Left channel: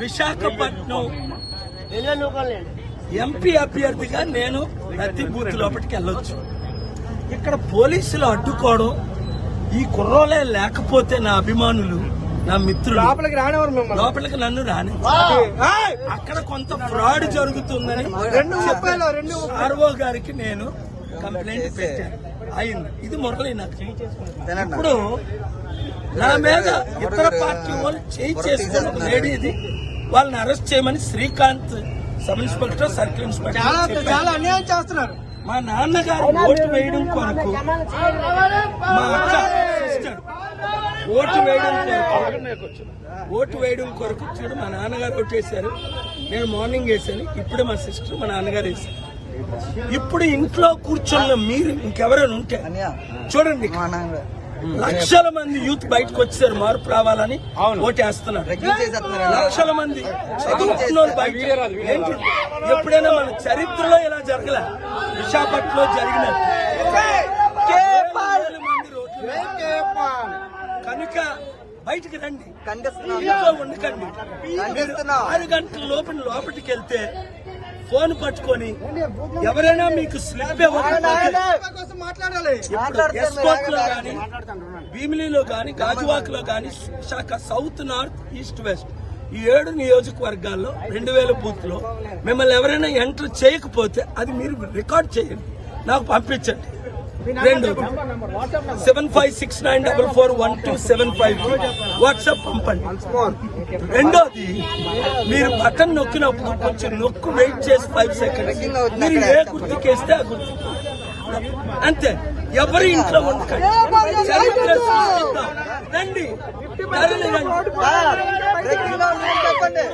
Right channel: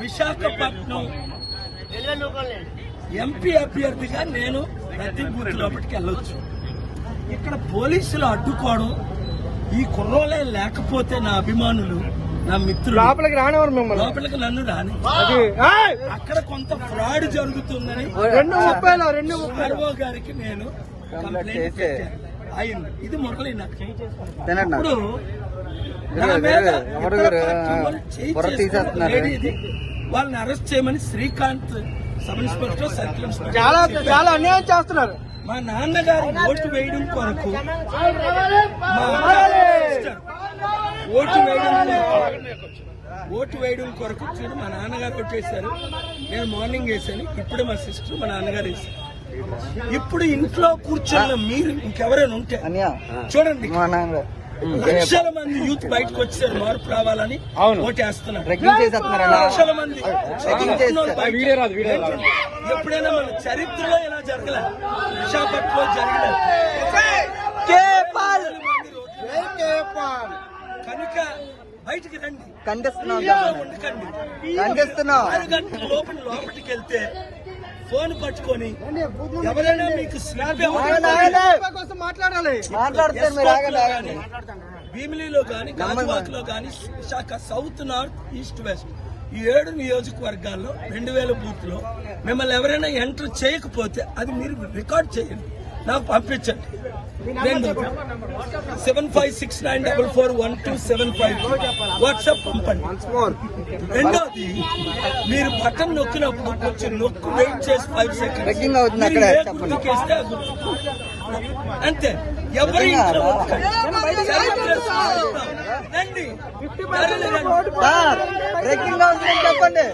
Visakhapatnam MP అభ్యర్థిగా నేను ప్రతి బూత్ లోపలికి వెళ్ళొచ్చు. ఇక్కడ పోలీసులు అడ్డుకోవడం, ఈ కుర్రోలే లేకపోతే నా అభిమానులు, నా మిత్రులు లోపలికి నన్ను రాని, అక్కడ కొంత ఫ్రాడ్ జరుగుతుందని ఆర్ఓ గారికి నేను కంప్లైంట్ పెట్టాను. అయింది. ఇది మురళి నాకు. ఇప్పుడు నా మీద ఇతర పార్టీ వాళ్ళు చేస్తున్న లేడీ ఇది, వాళ్ళని అరెస్ట్ చేయమని Srikanth sub inspector, circle inspector చేస్తున్నారు. మా నాన్నగారు ఓటు వేయడం కొరకు, మా అక్క సిస్టర్ ఓటు వేయడం కొరకు చూడు, మా నాన్నగారు ఓటు వేశారు. నేను మార్నింగ్ వేసాను, ఇప్పుడు మా సిస్టర్ మా నాన్నగారు వేశారు. ఇప్పుడు ఇంట్లో కూర్చున్న మీరు ఇంకెవరైనా ఉంటే చూడండి, లక్షల మంది యూత్ బయటకు వచ్చారు మార్పు రావాలని ఓటేస్తున్నారు. లక్షల మంది చదువుకున్న బయట. ఎప్పుడైనా మన చరిత్రలో ఇలా జరగలే. విశాఖపట్నంలో జరిగిన కనుక బయటికి రండి, ఇంట్లో ఉండకండి. 6 గంటల లోపలికి వెళ్తే ఫోన్ పట్టుకొని ఎవరైనా మీకు స్లిప్ ఇప్పుడు ఎస్కోట్ లో గానీ, భీమిలీలో గానీ, గాజువాకలో గానీ, Visakha south, north, east, west ఈ 7 నియోజకవర్గాల్లో 2000 బూత్ లో మిమ్మల్ని ఎవరైనా ఎంటర్ చేయకపోతే అది మీరు రికార్డ్ చేయండి, నాకు పంపించండి. రెండోది 7569441275 వాట్సాప్ పంపండి. రెండోది, మీరు బటన్ నొక్కినప్పుడు కొంచెం నొక్కు వెయిట్ చేసి 5 సెకండ్స్ మీరు ఏ గుర్తుకేస్తే ఆ గుర్తు అంతే. ఎవరి ఇంట్లో ఉండకండి. చరిత్ర సృష్టిద్దాం. రండి, చెప్పండి.